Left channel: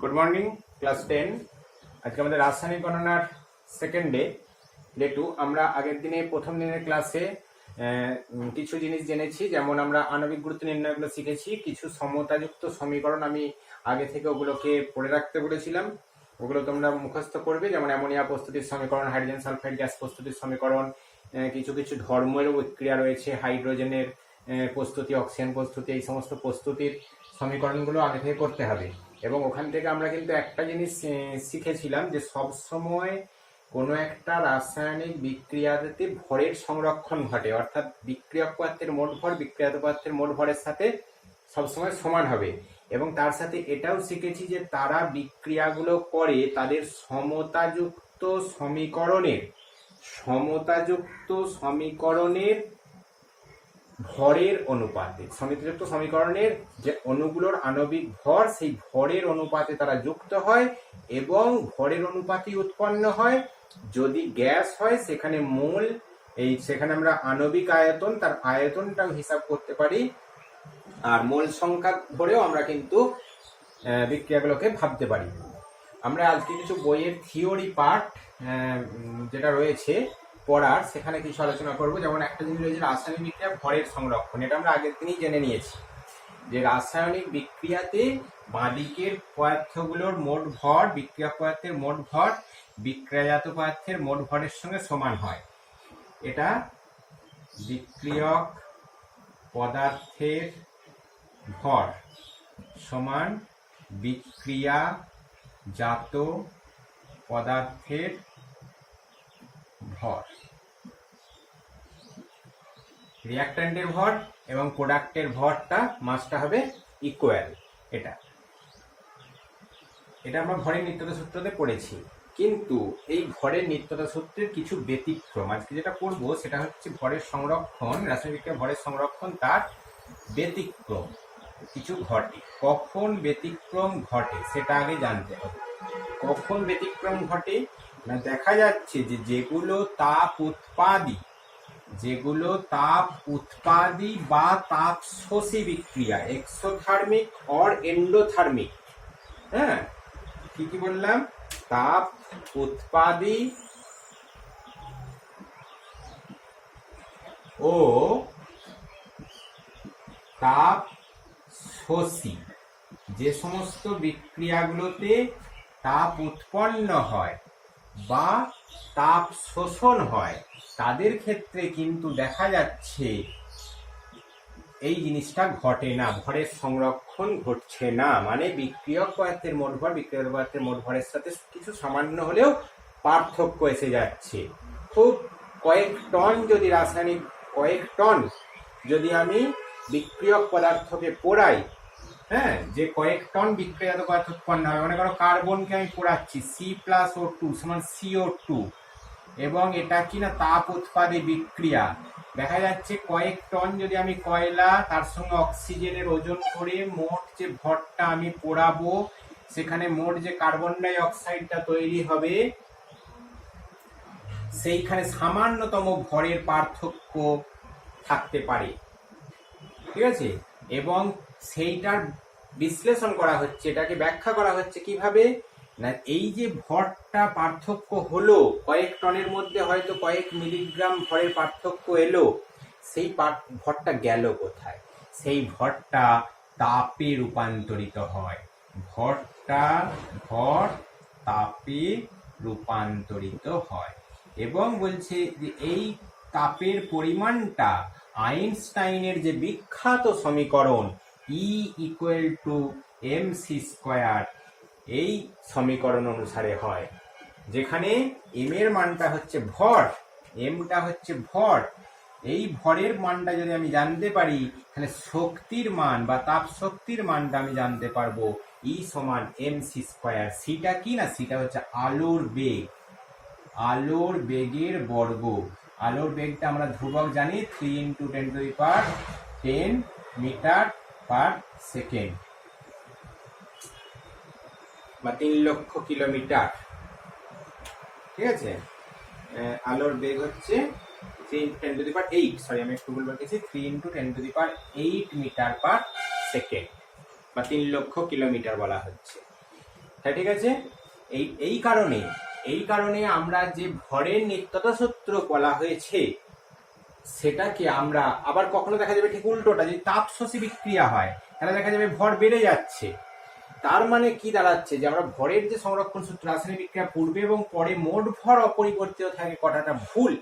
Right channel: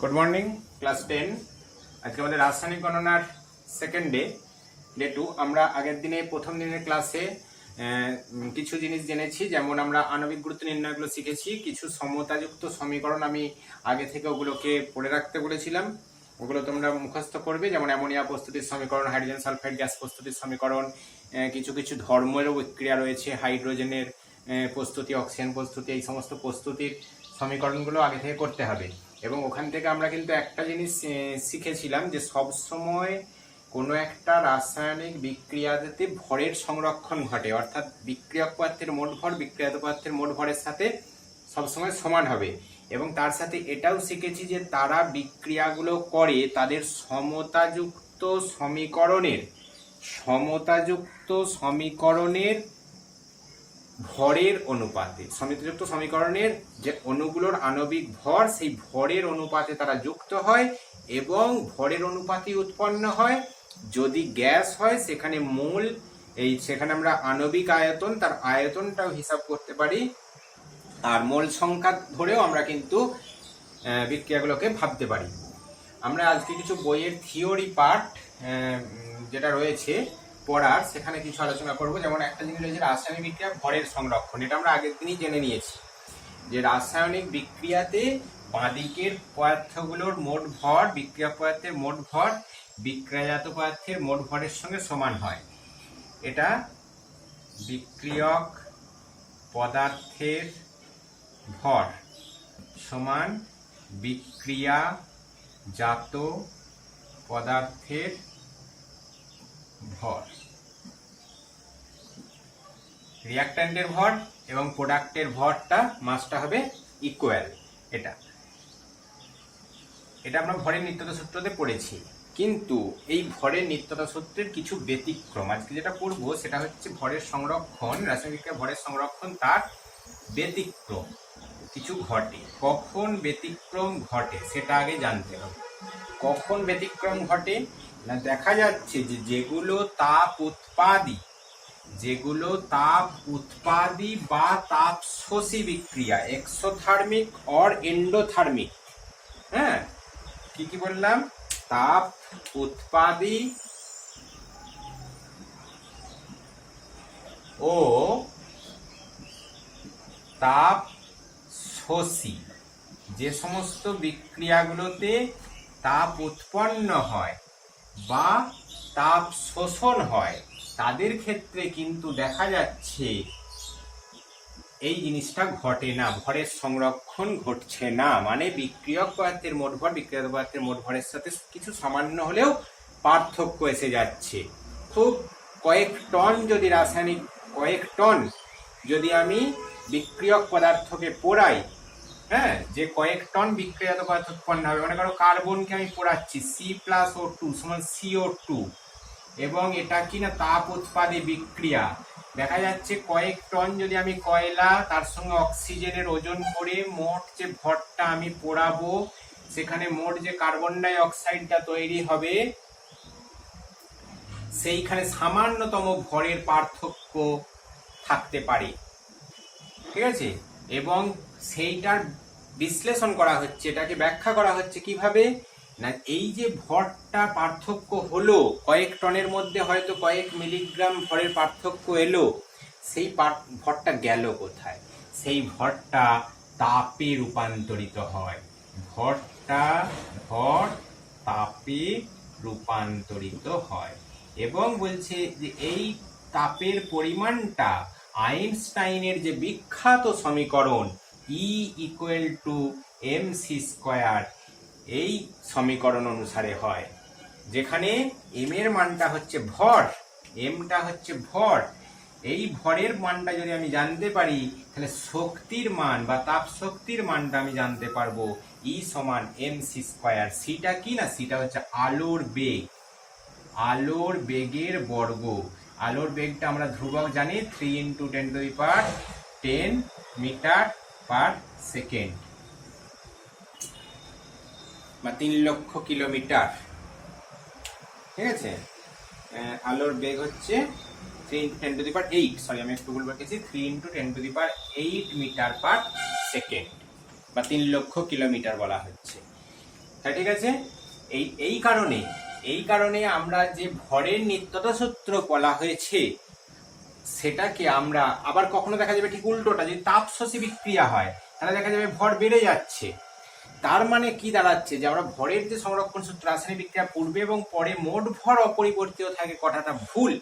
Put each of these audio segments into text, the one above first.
Good morning class 10 आज के हमारे रासायनिक गणनार सेकेंड डे 2 আমরা আগের দিনে প্রথম দিনের ক্লাসে কিছু জিনিস জেনেছি, যেমন আমরা আণবিক গুরুত্ব নির্ণয়গুলো শিখেছি। কিছু সমতাযুক্ত সমীকরণ আমি আগে থেকে ওগুলোকে পড়ে রাখতে বলেছিলাম, ওগুলো তোমরা মুখস্থ করবে। যেমন অ্যামোনিয়া প্রস্তুতির সমীকরণ, হাইড্রোজেন সালফাইড গ্যাস প্রস্তুতির সমীকরণ, কিছু কিছু ধর্মেরও বিক্রিয়া রয়েছে, হাইড্রোজেনের প্রস্তুতি, অক্সিজেন প্রস্তুতি, এই সমস্ত প্রস্তুতির সমীকরণগুলো আগে থেকে করতে হবে। এবং ওখান থেকে আমরা কিন্তু একটা জিনিস শিখেছিলাম যে সবসময় কোনো একটা রাসায়নিক বিক্রিয়াতে ভরের সংরক্ষণ ঘটে, অর্থাৎ বিক্রিয়ক পদার্থের মোট ভর বিক্রিয়াত পদার্থের মোট ভরের সাথে সবসময় সমান হবে। এবং তার সাথে এটাও শিখেছি যে তারা বিক্রিয়াগুলো করে তাদের সমতাযুক্ত সমীকরণের ভরের অনুপাতে, সমতাযুক্ত সমীকরণের যে অণুগুলোর আণবিক ভর সেই ভরের অনুপাতে তারা যুক্ত হয় এবং ভরের অনুপাতে উৎপন্ন হয়। যদি গ্যাস হয় সেখানে মোল, সেখানে আমরা আণবিক আয়তন, তার আয়তনটাও হিসাব করতে পারি, আর মোল সংখ্যা ধরেও আমরা কিন্তু বিক্রিয়াগুলোকে ভাবতে পারি। আমরা আজকে কিছু বইয়ের থিওরি পার্ট যেটা রয়েছে পড়ার, সেখানে কিছু আলোচনা করব। যেমন একটা জিনিস রয়েছে রাসায়নিক বিক্রিয়া ভরের সংরক্ষণ, এটা আমরা আগের দিনই জেনে নিয়েছি যে রাসায়নিক বিক্রিয়াতে বাঁদিকের পদার্থগুলোর মোট ভর বিক্রিয়ক পদার্থের মোট ভর বিক্রিয়াজাত পদার্থের মোট ভরের সঙ্গে সমান হয়। এটা বিক্রিয়ক পদার্থের ভর সমান বিক্রিয়াজাত পদার্থের ভর, রিঅ্যাকট্যান্টের ভর এবং প্রোডাক্টের ভরটা মাসটা হবে ইকুয়াল। এটা আমরা ভরের নিত্যতা সূত্রতে পড়েছি, কিন্তু এই ভরের নিত্যতা সূত্রের কিছু ব্যতিক্রম আজকে যেটা করব সেটা হচ্ছে ভরের সংরক্ষণ, রাসায়নিক বিক্রিয়া ভরের সংরক্ষণ, তার ব্যতিক্রম কিছু ঘটে। কখন ব্যতিক্রম ঘটে সেটা আগে জানতে হবে। কখন ব্যতিক্রম ঘটে না, দেখা যাচ্ছে যে যেগুলো তাপ উৎপাদী বা তাপ শোষী বিক্রিয়া, এক্সোথার্মিক অর এন্ডোথার্মিক, হ্যাঁ কি বললাম, তাপ উৎপাদী ও তাপ শোষী, যে সমস্ত বিক্রিয়াগুলোতে তাপ উৎপন্ন হয় বা তাপ শোষণ হয় তাদের ক্ষেত্রে কিন্তু দেখা যাচ্ছে এই জিনিসটা ঘটে না, ভরের সংরক্ষণ ঘটছে না। মানে বিক্রিয়ক পদার্থের মোট ভর বিক্রিয়ক পদার্থের মোট ভরের সাথে কিছু সামান্য হলেও পার্থক্য এসে যাচ্ছে। খুব কয়েক টন যদি আমি বিক্রিয়ক পদার্থকে পোড়াই, হ্যাঁ, যে কয়েক টন বিক্রিয়াজাত পদার্থ উৎপন্ন হবে। মনে করো কার্বনকে আমি পোড়াচ্ছি, C+O2 সমান CO2, এবং এটা কি না তাপ উৎপাদী বিক্রিয়া। দেখা যাচ্ছে কয়েক টন যদি আমি কয়লা তার সঙ্গে অক্সিজেনের ওজন করে মোট যে ভরটা আমি পোড়াবো, সেখানে মোট যে কার্বন ডাই অক্সাইডটা তৈরি হবে সেইখানে সামান্যতম ভরের পার্থক্য থাকতে পারে, ঠিক আছে। এবং সেইটার বিশ্লেষণ করা হচ্ছে, এটাকে ব্যাখ্যা করা হচ্ছে কিভাবে না, এই যে ভরটা পার্থক্য হলো, কয়েক টনের মধ্যে হয়তো কয়েক মিলিগ্রাম ভরের পার্থক্য এলো, সেই ভরটা গেল কোথায়? সেই ভরটা তাপে রূপান্তরিত হয়, ভর তাপে রূপান্তরিত হয়। এবং বলছে যে এই তাপের পরিমাণটা আইনস্টাইনের যে বিখ্যাত সমীকরণ E=mc², এই সমীকরণ অনুসারে হয়, যেখানে m এর মানটা হচ্ছে ভর, mটা হচ্ছে ভর। এই ভরের মানটা যদি আমি জানতে পারি তাহলে শক্তির মান বা তাপ শক্তির মানটা আমি জানতে পারবো, E সমান mc²। সিটা কি না, সিটা হচ্ছে আলোর বেগের বর্গ। আলোর বেগটা আমরা ধ্রুবক জানি, 3 × 10⁻10 মিটার পার সেকেন্ড বা 3 লক্ষ কিলোমিটার, ঠিক আছে। আলোর বেগ হচ্ছে 3 × 10⁸, সরি আমি একটু ভুল বলেছি, 3 × 10⁸ মিটার পার সেকেন্ড বা 3 লক্ষ কিলোমিটার বলা হচ্ছে। ঠিক আছে। এই কারণে আমরা যে ভরের নিত্যতা সূত্র বলা হয়েছে সেটাকে আমরা আবার কখনো দেখা যাবে ঠিক উল্টোটা, যদি তাপশোষী বিক্রিয়া হয় তাহলে দেখা যাবে ভর বেড়ে যাচ্ছে। তার মানে কি দাঁড়াচ্ছে যে আমরা ভরের যে সংরক্ষণ সূত্র, রাসায়নিক বিক্রিয়া পূর্বে এবং পরে মোট ভর অপরিবর্তিত থাকে, কথাটা ভুল।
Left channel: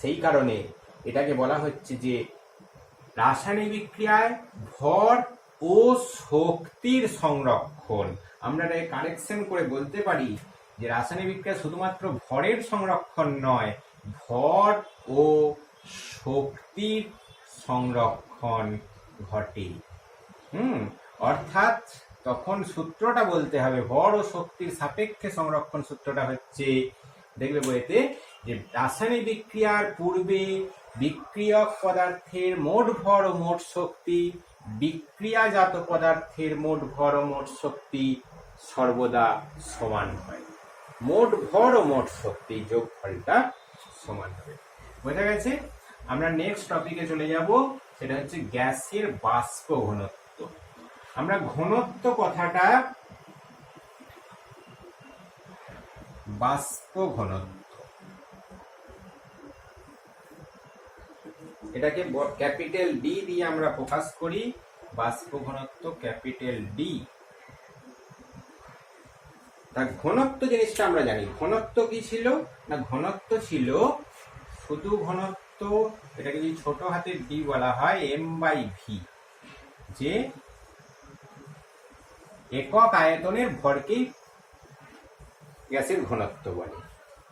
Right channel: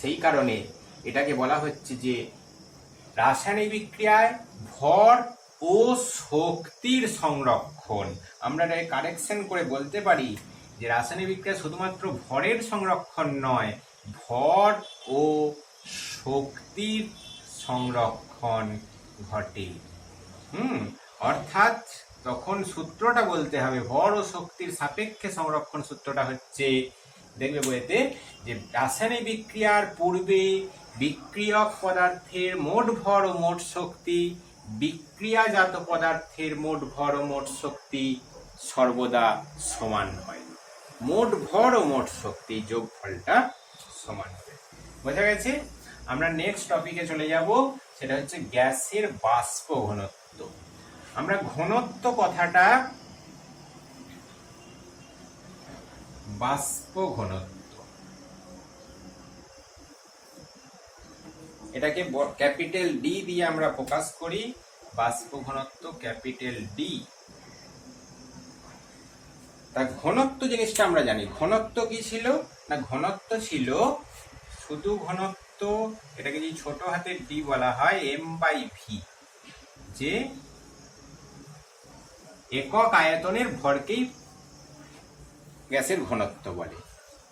সেই কারণে এটাকে বলা হচ্ছে যে রাসায়নিক বিক্রিয়ায় ভর ও শক্তির সংরক্ষণ। আমরা এটাকে কারেকশন করে বলতে পারি যে রাসায়নিক বিক্রিয়া শুধুমাত্র ভরের সংরক্ষণ নয়, ভর ও শক্তির সংরক্ষণ ঘটে। অর্থাৎ তখন সূত্রটা বলতে হবে ভর ও শক্তির সাপেক্ষে সংরক্ষণ। সূত্রটা হচ্ছে, দেখবে বইতে, যে রাসায়নিক বিক্রিয়ার পূর্বে বিক্রিয়ক পদার্থের মোট ভর ও মোট শক্তি বিক্রিয়াজাত পদার্থের মোট ভর ও মোট শক্তি সর্বদা সমান হয়। মোট ভর ও মোট শক্তি যোগফলটা সমান হবে। বোঝা গেছে? আমরা নেক্সট টপিকে চলে যাব, সেটা হচ্ছে গ্যাসের বাষ্প ঘনত্ব। আমরা ঘনত্ব কথাটা, বাষ্প ঘনত্ব, এটাকে ক্যাপিটাল ডি দিয়ে আমরা প্রকাশ করি। বাষ্প ঘনত্ব ক্যাপিটাল ডি। তা ঘনত্ব জিনিসটা আমরা জানি। ঘনত্ব কি ছিল না, ঘনত্ব ছিল শুধু ঘনত্ব, এটাকে যদি ছোট হাতের ডি বলা হয় m/v, যে একক আয়তনের ভরকেই গ্যাসের ঘনত্ব বলে।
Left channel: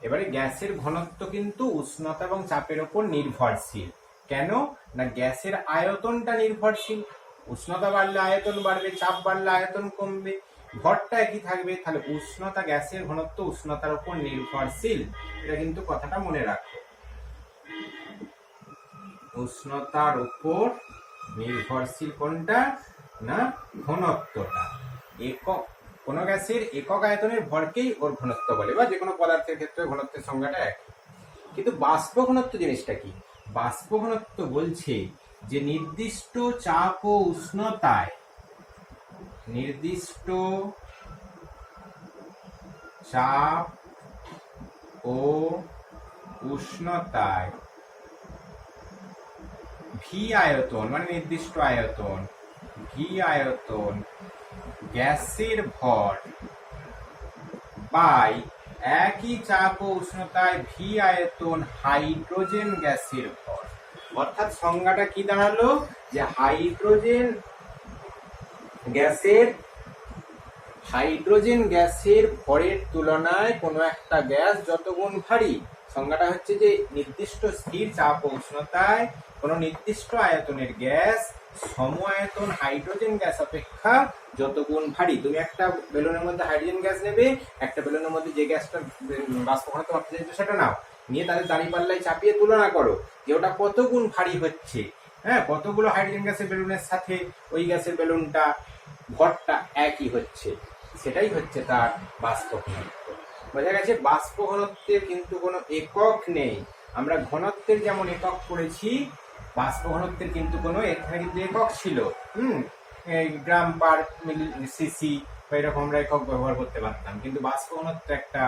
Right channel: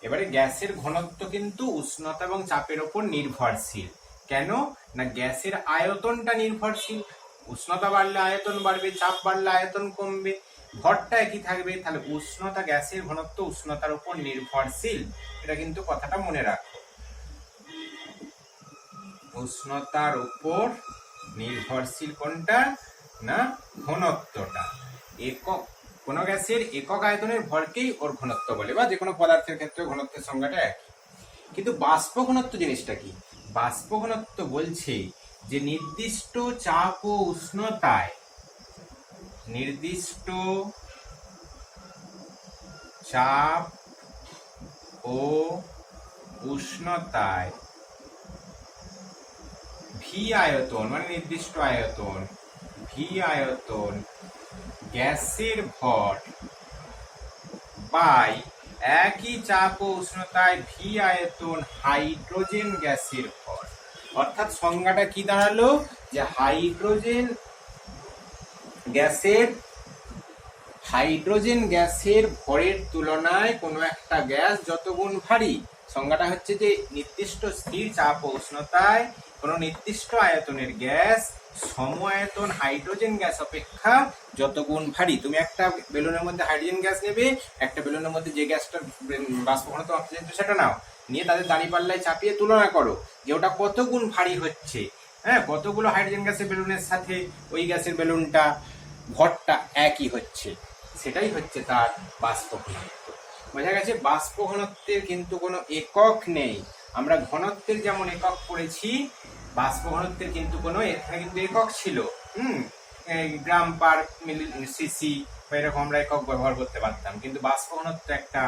এবারে গ্যাসের ঘনত্ব কিন্তু উষ্ণতা এবং চাপের উপর নির্ভরশীল। কেন না, গ্যাসের আয়তনটা নির্ভরশীল। উষ্ণতা বাড়লে আয়তন বাড়বে, চাপ বাড়লে আয়তন কমবে, ভরটা একই থাকবে। তাহলে উষ্ণতা, গ্যাসের ঘনত্ব উষ্ণতার উপর নির্ভরশীল। এটা কিন্তু কথাটা মনে রাখো, উষ্ণতার উপর নির্ভরশীল কোনটা না, ঘনত্বটা। একক কোন গ্যাসের একক আয়তনের ভরকেই ওর ঘনত্ব বলে, বা যে কোনো পদার্থের ক্ষেত্রে ঘনত্বের সংজ্ঞাটা একই। কিন্তু বাষ্প ঘনত্ব জিনিসটা কি? বাষ্প ঘনত্ব বলছে যে নির্দিষ্ট চাপ ও উষ্ণতায়, নির্দিষ্ট চাপ ও উষ্ণতায় ভি আয়তন, মানে নির্দিষ্ট আয়তন, ভি আয়তন গ্যাসের ভর বাই একই চাপ ও উষ্ণতায় ভি আয়তন হাইড্রোজেন গ্যাসের ভর। অর্থাৎ সংজ্ঞাটা কি দাঁড়ালো, যে হাইড্রোজেন গ্যাসের ভরের তুলনায় কোনো একটা গ্যাস যত গুণ ভারী, সংজ্ঞাটা হচ্ছে যে নির্দিষ্ট স্থির চাপ ও উষ্ণতায় কোনো নির্দিষ্ট আয়তনের গ্যাস সম আয়তন হাইড্রোজেন গ্যাস অপেক্ষা যত গুণ ভারী। তুমি একটা বেলুনের মধ্যে হাইড্রোজেন গ্যাস নেবে, একটা বেলুনের মধ্যে যে গ্যাসটা বাষ্প ঘনত্ব মাপতে চাইছো সেটা নাও, নিয়ে তাদের দাঁড়িপাল্লায় চাপিয়ে তুলনা করো যে ওটা কত গুণ ভারী হচ্ছে। হ্যাঁ, কতগুলো হাইড্রোজেন গ্যাসের বেলুনের সাথে ওই গ্যাসের বেলুনটা ভরটা একই হচ্ছে, সেটাই হচ্ছে তার বাষ্প ঘনত্ব। বোঝা গেছে? বাষ্প ঘনত্বের কিন্তু কোনো একক নেই। আমরা ঘনত্বের যেমন একক পড়েছি, বাষ্প ঘনত্বের কিন্তু কোনো, এখানে কিন্তু একক ছিল, গ্রাম পার মিলি সিসি বা এরকম আমরা একক ব্যবহার করতে পারতাম, কিন্তু বাষ্প ঘনত্ব একটা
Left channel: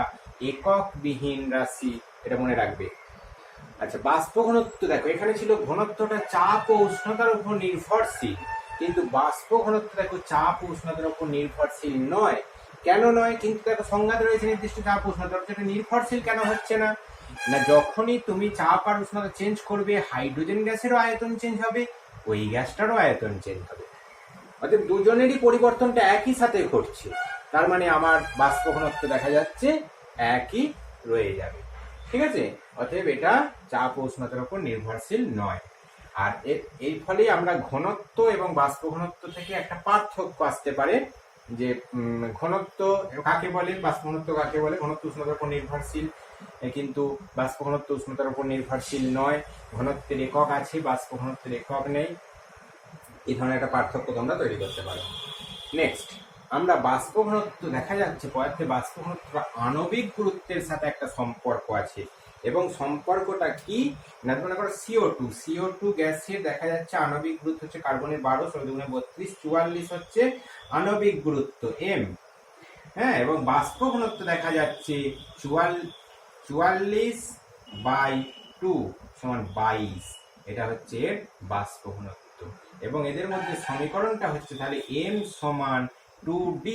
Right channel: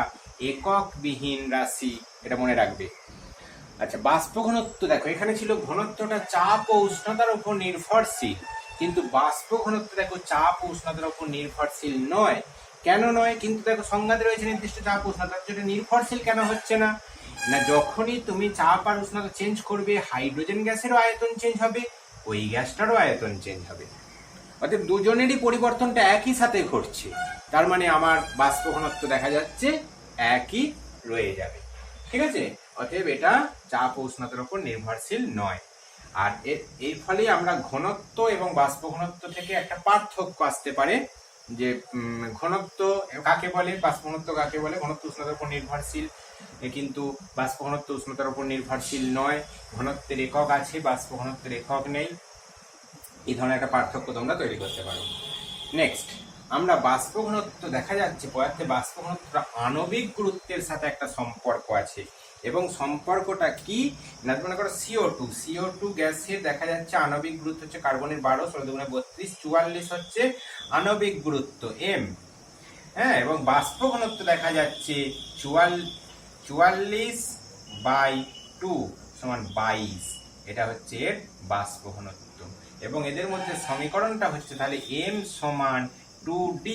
একক বিহীন রাশি, এটা মনে রাখবে। আচ্ছা, বাষ্প ঘনত্ব দেখো, এখানে ছিল ঘনত্বটা চাপ ও উষ্ণতার উপর নির্ভরশীল, কিন্তু বাষ্প ঘনত্ব দেখো চাপ ও উষ্ণতার উপর নির্ভরশীল নয়। কেন নয়? কিন্তু দেখো সংজ্ঞাতে রয়েছে নির্দিষ্ট চাপ ও উষ্ণতার উপর, নির্ভরশীল কেন হচ্ছে না? না, যখনই তুমি চাপ আর উষ্ণতা চেঞ্জ করবে, হাইড্রোজেন গ্যাসেরও আয়তন চেঞ্জ হবে, ওই গ্যাসটারও আয়তন চেঞ্জ হবে। অর্থাৎ দুজনেরই পরিবর্তনটা একই সাথে ঘটছে। তার মানে আমার বাষ্প ঘনত্ব দেখা যাচ্ছে একই রয়ে যাবে। ঠিক আছে? অতএব এটা চাপ ও উষ্ণতার উপর নির্ভরশীল নয়। আর এর ফলে আমরা ঘনত্ব এবং বাষ্প ঘনত্ব থেকে একটা পার্থক্য আসতে পারে, যে ঘনত্ব কাকে বলে, বাষ্প ঘনত্ব কাকে বলে। ঘনত্ব উষ্ণতার উপর নির্ভরশীল, কিন্তু বাষ্প ঘনত্ব উষ্ণতার উপর নির্ভরশীল নয়। ঘনত্বের একক আছে, বাষ্প ঘনত্বের একক নেই। এই ধরনের একটা পার্থক্য তোমরা তৈরি করতে পারো। নেক্সট, আমরা বাষ্প ঘনত্ব দেখা যাচ্ছে পদার্থের বাষ্প ঘনত্ব আণবিক গুরুত্বের সাথে একটা সম্পর্ক আছে, এবং সম্পর্কটা কি না, মনে করো CO2 গ্যাসের দেখা যাচ্ছে আণবিক গুরুত্ব হচ্ছে কার্বনের 12, 16 × 32, 44 হচ্ছে আণবিক গুরুত্ব M। হ্যাঁ, এবং বাষ্প ঘনত্ব দেখা যাচ্ছে 44/2 সমান 22। এটা হচ্ছে এর বাষ্প ঘনত্ব। এবং এদের মধ্যে সমীকরণটা হচ্ছে তাহলে m সমান 2d,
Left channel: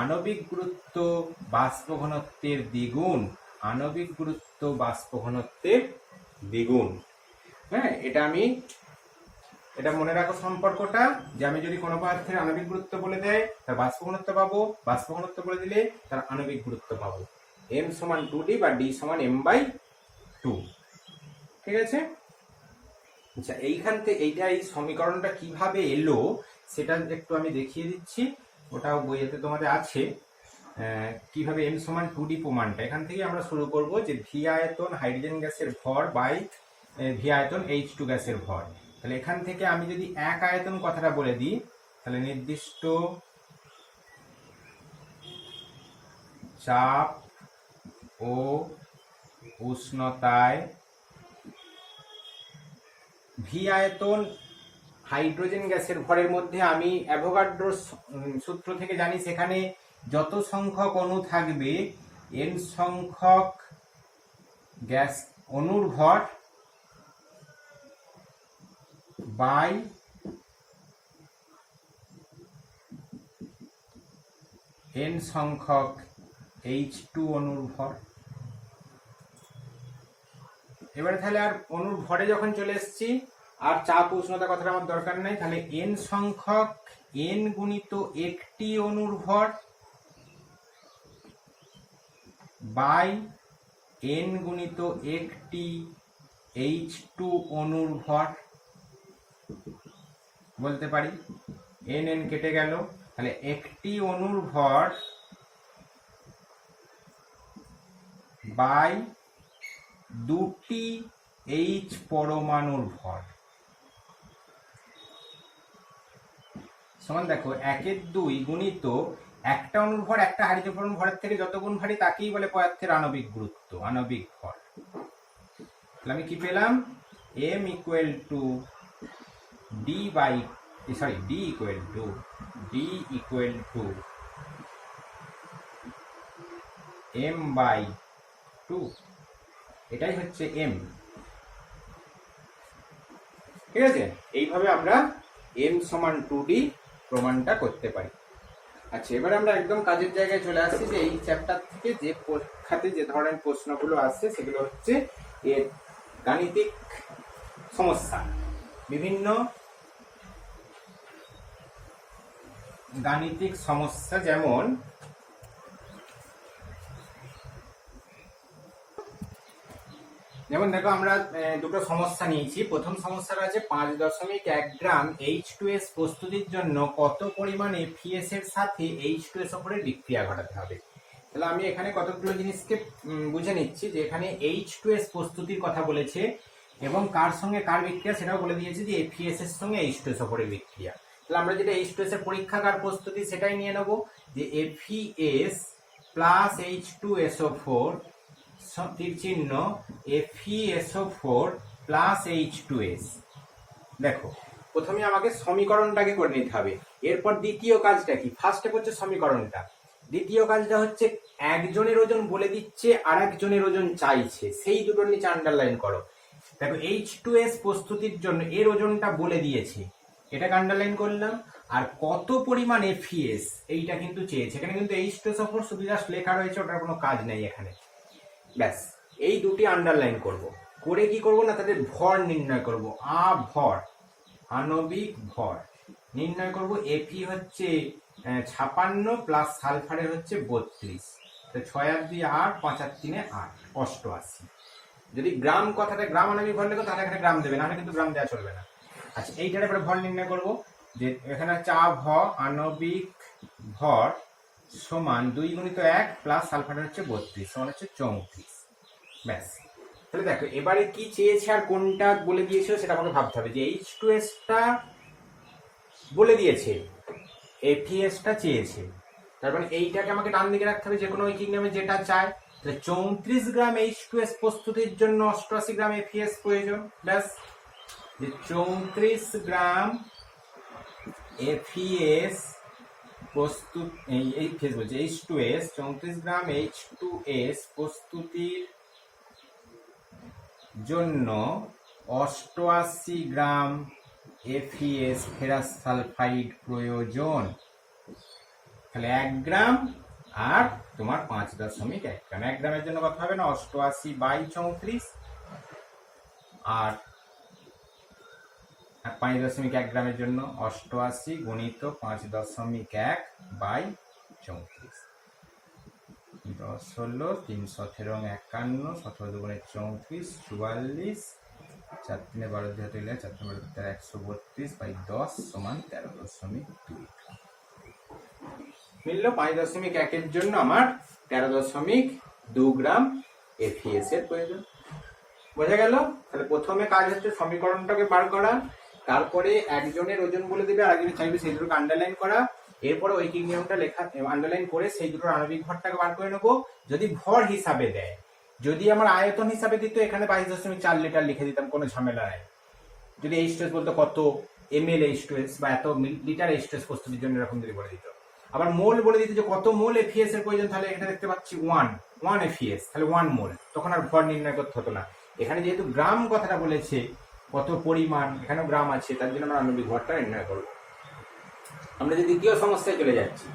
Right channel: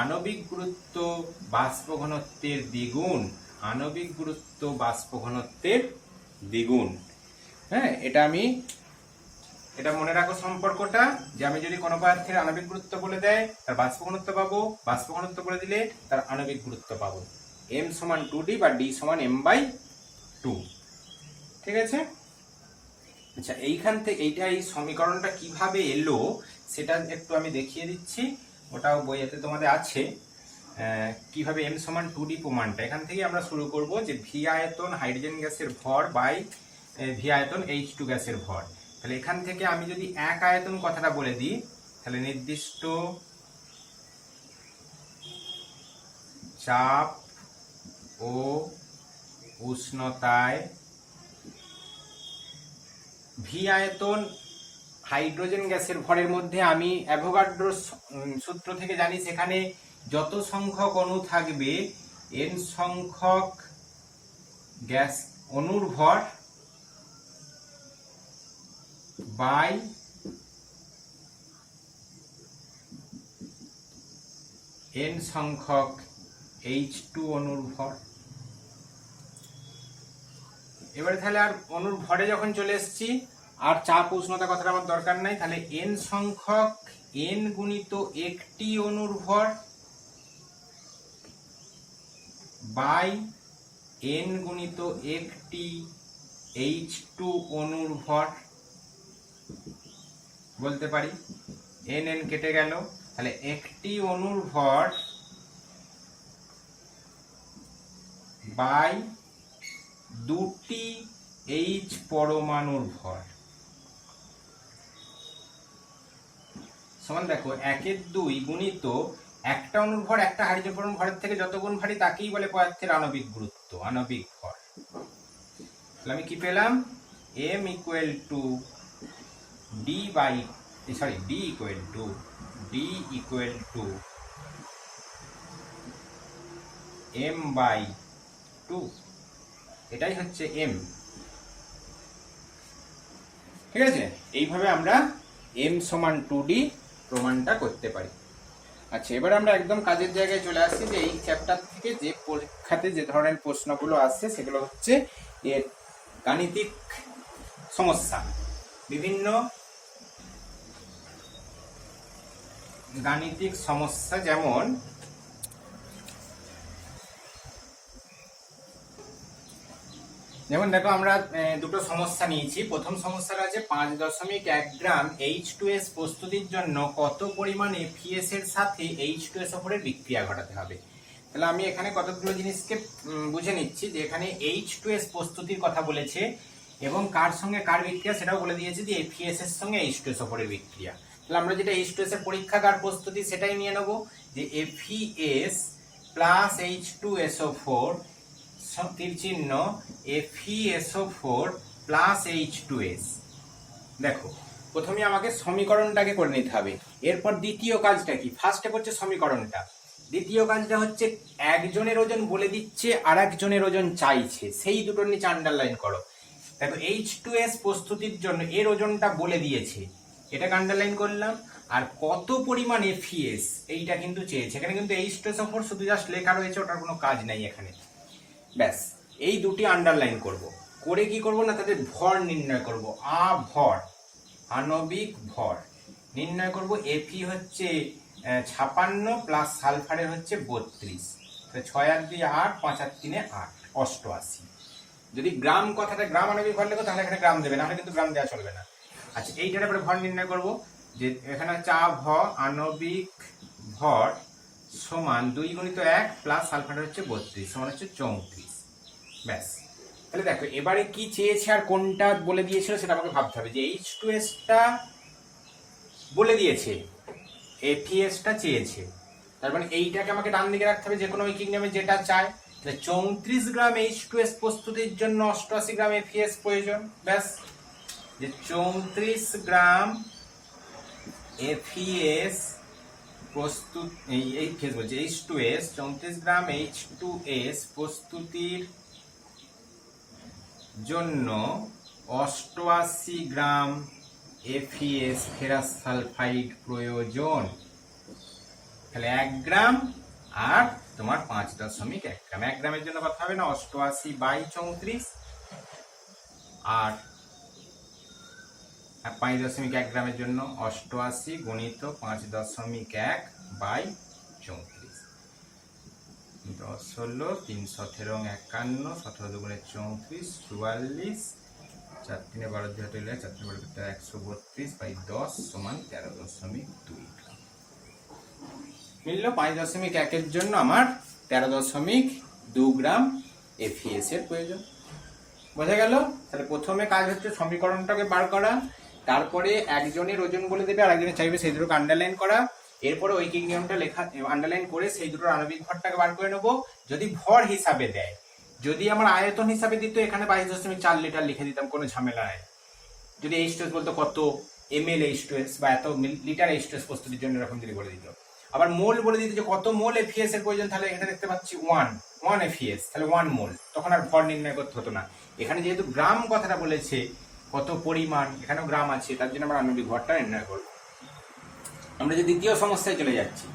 আণবিক গুরুত্ব বাষ্প ঘনত্বের দ্বিগুণ, আণবিক গুরুত্ব বাষ্প ঘনত্বের দ্বিগুণ। হ্যাঁ, এটা মনে রাখো সম্পর্কটা, যে আমি যদি কোনো পদার্থের আণবিক গুরুত্ব বলে দেয় তার বাষ্প ঘনত্ব পাবো, বাষ্প ঘনত্ব বলে দিলে তার আণবিক গুরুত্ব পাবো। m সমান 2d বা d সমান m/2। ঠিক আছে? আচ্ছা, এইখান থেকে এই সমীকরণটা কিভাবে এলো সেটা একটু আমি দেখিয়ে দিচ্ছি, ওটাও বইয়েতে তোমাদের আছে। কিভাবে m সমান 2d প্রমাণটা, এখান থেকে আমরা শুরু করব যে ভি আয়তন হাইড্রোজেন গ্যাসের ভর বাই ভি আয়তন H2 গ্যাসের ভর। তাহলে এখান থেকে আমি যদি এক আয়তন কথাটা বলে দিই, তাহলে নির্দিষ্ট চাপ ও উষ্ণতায় ভি আয়তন হাইড্রোজেন গ্যাসের ভরের মধ্যে আমি অ্যাভোগাড্রোর সূত্র থেকে জানি সেখানে যত সংখ্যক অণু থাকবে n সংখ্যক গ্যাস অণুর ভর বাই n সংখ্যক H2 অণুর ভর। এবারে তাহলে আর অণুর ভরে যখন চলে এসেছি, আর চাপ উষ্ণতা কথাটা আমার দরকার নাই, তাহলে n সংখ্যক n গুণিত একটি অণুর ভর বাই n গুণিত একটি H2 অণুর ভর বলতে পারি। n কেটে গেল, তাহলে একটি অণুর ভর বাই দুটি H পরমাণুর ভর সমান, দেখো 1/2 গুণিত একটা অণুর ভর একটা হাইড্রোজেন পরমাণুর ভরের থেকে যত গুণ ভারী তাকেই বলে পদার্থের আণবিক গুরুত্ব, আণবিক ভর। তাহলে আমি কি পেলাম? m equal to d equal to m/2, এটাই হচ্ছে m। ঠিক আছে? এইভাবে আমরা m সমান 2d প্রমাণটা করতে পারি। আচ্ছা, এবার আমরা একদম কাজের জায়গায় চলে আসছি, যে এই চ্যাপ্টার থেকে যে পরীক্ষাতে যে ধরনের প্রশ্নগুলো আসছে সেগুলো হচ্ছে এর গাণিতিক সমস্যা, বিভিন্ন গাণিতিক সমস্যা। যেমন দেখো, আমরা দুটো সমস্যা নিয়েছি। প্রথম সমস্যাটা আছে 5.1 গ্রাম H2S প্রস্তুতির জন্য কত পরিমাণ FeS এর সাথে H2SO4 এর বিক্রিয়া ঘটাতে হবে। তাহলে আমি এখানে কতগুলো জিনিসকে বুঝে নিচ্ছি, যে এখানে H2S প্রস্তুতির কথা বলেছে এবং কার সঙ্গে কার বিক্রিয়া সেটাও বলে দিয়েছে, যে FeS এর সঙ্গে H2SO4 এর বিক্রিয়া। তাহলে আমরা যেটা H2S এর পরীক্ষাগার প্রস্তুতি সেটাই নিয়ে নেব, যে FeS প্লাস H2SO4 তীর চিহ্ন FeSO4 প্লাস H2S। দেখো, প্রথমে আমাকে সমীকরণটাকে করে নিতে হবে। এরপর দ্বিতীয় কাজটা কি? ফার্স্টে করছে সমীকরণটা, দ্বিতীয় কাজটা হচ্ছে একজনের ওজন বলে দিচ্ছে আর একজনের ওজন চাইছে, সেই দুটোর নিচে আন্ডারলাইন করো। দেখো, H2S প্রস্তুতির জন্য এর ওজনটা বলে দিয়েছে, এটাকে আন্ডারলাইন করলাম। আর কত পরিমাণ FeS এইটা কিন্তু চেয়েছে, এখানে কিন্তু H2SO4 শুধু জাস্ট লেখা রয়েছে, ওটার কোনো কাজ নেই এখানে। ব্যাস, এই দুটি আন্ডারলাইন করব, করে কি করব না, তাদের ভর নির্ণয় করব। ভর, আণবিক ভর নির্ণয় করব। Fe হচ্ছে 56 প্লাস সালফারের হচ্ছে 32, 6 আর 2 8, 5 আর 3 8, 88। যদি গ্রাম কথাটা গ্রাম আণবিক ভর লেখো তাহলে এখানে গ্রাম দেবে, নাহলে কিন্তু গ্রাম দেওয়া চলবে না। আচ্ছা, এইটার উপরে ভর নির্ণয় করব, যে এখানে হচ্ছে আণবিক ভর সমান 2 গুণিত 1 প্লাস সালফারের হচ্ছে 32 সমান হচ্ছে 34। ব্যাস, তাহলে দেখো এবারে কি চেয়েছে আর কোনটা বলে দিয়েছিল সেটা আমাকে ভাবতে হবে। যে H2Sটা বলে দিয়েছে, FeSটা চেয়েছে, তার মানে এইটাকে আমাকে ডান দিকে রাখতে হবে, যে কোনো ঐকিক নিয়মে যেটা চায়। 34 গ্রাম H2S প্রস্তুতির জন্য 88 গ্রাম FeS প্রয়োজন। ব্যাস, যে 34 গ্রাম FeS প্রস্তুত এই ফেজ বলছে H2S 34 গ্রাম H2S প্রস্তুতির জন্য 88 গ্রাম FeS ফেরাস সালফাইড প্রয়োজন। তাহলে 1 গ্রাম আর তোমার 5.1 গ্রাম। 1 গ্রামের জন্য কথা হবে না 88/34 আর 5.1 গ্রামের জন্য 88 গুণিত 5.1/34 10 হলো 313 51 17 দুগুণে 34 44 4 3 12 দিয়ে হইলে 4 3 12 132/10 সমান 13.2 গ্রাম। মিলল 5.1 এর জন্য আমার 13.2 গ্রাম FeS এর প্রয়োজন। বোঝা গেল? তাহলে প্রথমে কাজ হচ্ছে সমীকরণটাকে বার করা, তারপরে একজনের ওজন বলে দেবে আর একজনের চাইবে সেই দুটোকে আন্ডারলাইন করা, এরপরে ঐকিক নিয়মটা লেখা আন্ডারলাইন করে সেই দুটোর আণবিক ভরটাকে বার করে নেবো। যদি ভর হিসাবে দেয়, যদি আমার আয়তন হিসাবে দিত এখানে 22.4 লিটার লিখে দিতাম, কোনো ঝামেলা নাই। যদি H2S বলতো কত ml H2S বা এত লিটার H2S প্রস্তুতির জন্য এরকম যদি বলে দিত, আবার মোল বলে দিত যে কত মোল FeS এর প্রয়োজন, তাহলে এখানে দেখতে পাচ্ছি 1 FeS, তাহলে 1 মোল, তখন আর ভর নির্ণয় করতে হতো না। এখানে যেহেতু গ্রাম কথাটা বলেছে, কত পরিমাণ, এখানেও গ্রাম আছে, তার জন্য আমরা আণবিক ভরটা নির্ণয় করব। আমরা যে দ্বিতীয় সমস্যায় চলে যাচ্ছি,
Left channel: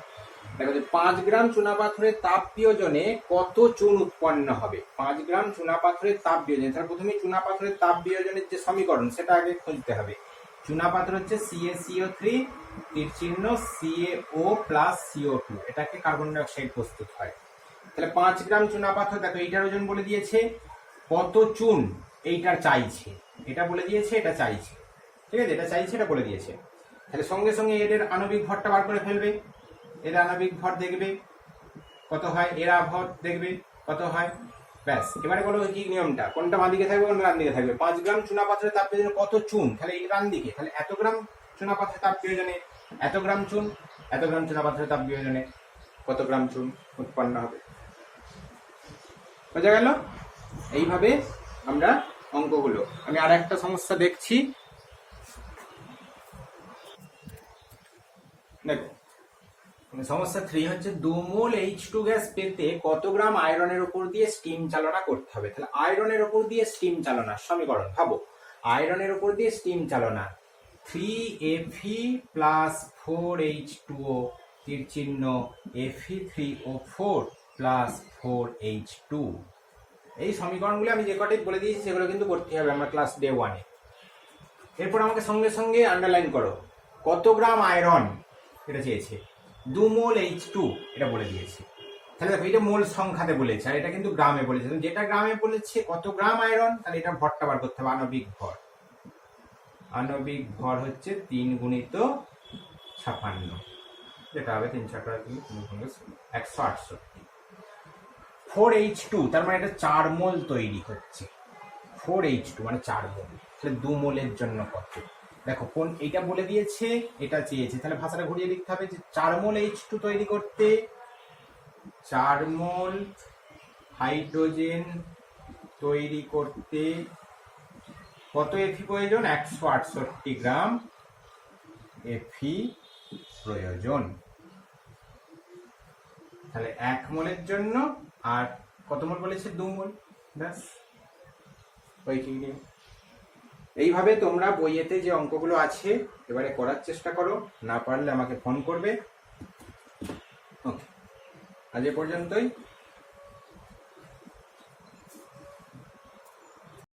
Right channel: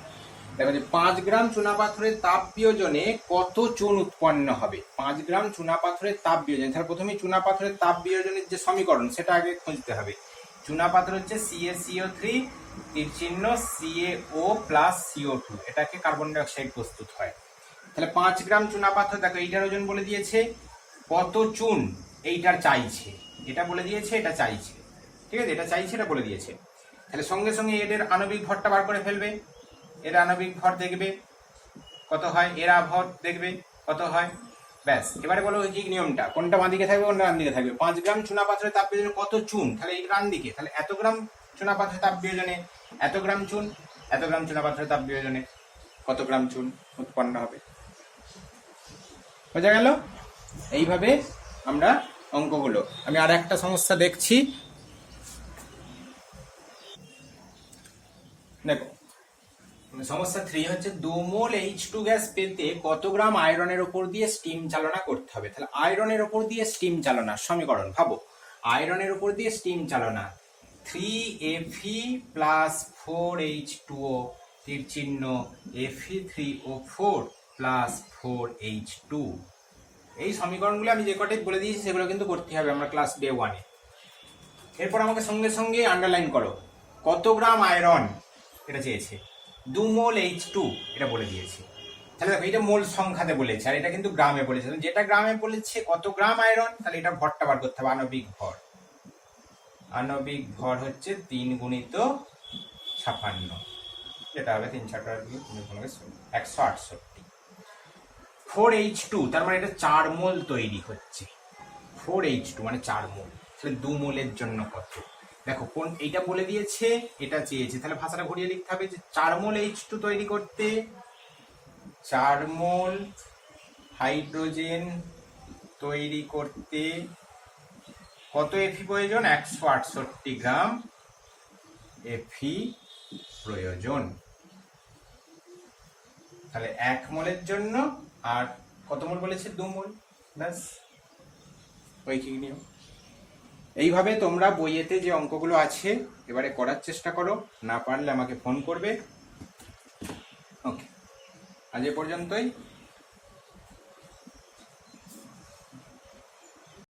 দেখো যে 5 গ্রাম চুনাপাথরের তাপ বিয়োজনে কত চুন উৎপন্ন হবে। 5 গ্রাম চুনাপাথরের তাপ বিয়োজনে, তাহলে প্রথমেই চুনাপাথরের তাপ বিয়োজনের যে সমীকরণ সেটা আগে খুঁজতে হবে। চুনাপাথর হচ্ছে CaCO3 তীর চিহ্ন CaO প্লাস CO2, এটাকে কার্বন ডাই অক্সাইড প্রস্তুত হয়। তাহলে 5 গ্রাম চুনাপাথর, দেখো এইটার ওজন বলে দিয়েছে, কত চুন এইটার চাইছে, এটা বলে দিয়েছে, এটা চাইছে, ঠিক আছে, এটা চাইছে, এটা বলে দিয়েছে। তাহলে সঙ্গে সঙ্গে এদের আণবিক ভরটা বার করে ফেলবে। এর আণবিক ভর দেখবে কত হয়, এরা ভর দেখবে কত হয়, ব্যাস। এবারে বলো কি নিয়মটা, কোনটা বাঁ দিকে থাকবে কোনটা ডান দিকে থাকবে। 5 গ্রাম চুনাপাথরের তাপ বিয়োজনে কত চুন, তাহলে এই ডান দিকে, তাহলে এত গ্রাম চুনাপাথরের তাপ বিয়োজনে এত গ্রাম চুন, এত গ্রাম চুনাপাথরের তাপ বিয়োজনে কত গ্রাম চুন উৎপন্ন হবে। বোঝা গেল? এইভাবে আমরা অঙ্কগুলো, আমি আর একটা সমস্যা দেখছি, দেখো সমস্যা 3 হচ্ছে 2 মোল H2 গ্যাস পেতে কত গ্রাম আয়রনের উপর দিয়ে স্টিম চালনা করতে হবে। তাহলে আয়রনের উপর দিয়ে স্টিম চালনা সমীকরণ ভাবো, আয়রনের উপর দিয়ে স্টিম চালনা 3Fe প্লাস 4H2O তীর চিহ্ন Fe3O4 প্লাস 4H2। এই সমীকরণগুলো আমি যে কটাই বলে দিয়েছি সেগুলো কিন্তু করতে হবে আমরা ক্লাস ডে 1-এ। এরপর আমাকে সঙ্গে সঙ্গে আন্ডারলাইন করো কত গ্রাম আয়রন এটা চেয়েছে, 2 মোল H2 এটা বলে দিয়েছে। তাহলে দেখো এটা মোল সংখ্যাতে বলেছে আর এটা কিন্তু গ্রামে বলেছে, যেটা গ্রামে বলেছে কত গ্রাম আয়রন, তাহলে এটা ভরটা বার করতে হবে। আণবিক ভর, আণবিক ভর হচ্ছে 3 গুণিত 56, যেটা হবে 3 × 168। 4H2 তার মানে এটা 4 মোল তৈরি হচ্ছে, 4H2 মানে 4 মোল, তাহলে 2 মোলের জন্য কত, দেখো কোন এইটা বলে দিয়েছে, এটা চেয়েছে, তাহলে ভাষাটা ঘুরিয়ে লিখতে হবে যে 4 মোল H2 তৈরি করতে 4 মোল হাইড্রোজেন তৈরি করতে কত Fe প্রয়োজন, 168 গ্রাম Fe প্রয়োজন। তাহলে 1 মোলের জন্য আর কত মোল বলেছে, 2 মোল, ব্যাস ঐকিক নিয়ম। এইভাবে তোমরা বইয়েতে যে অঙ্কগুলো আছে এবারে করার চেষ্টা করো, না পারলে আমাকে ফোন করবে। ওকে, আজ এ পর্যন্তই।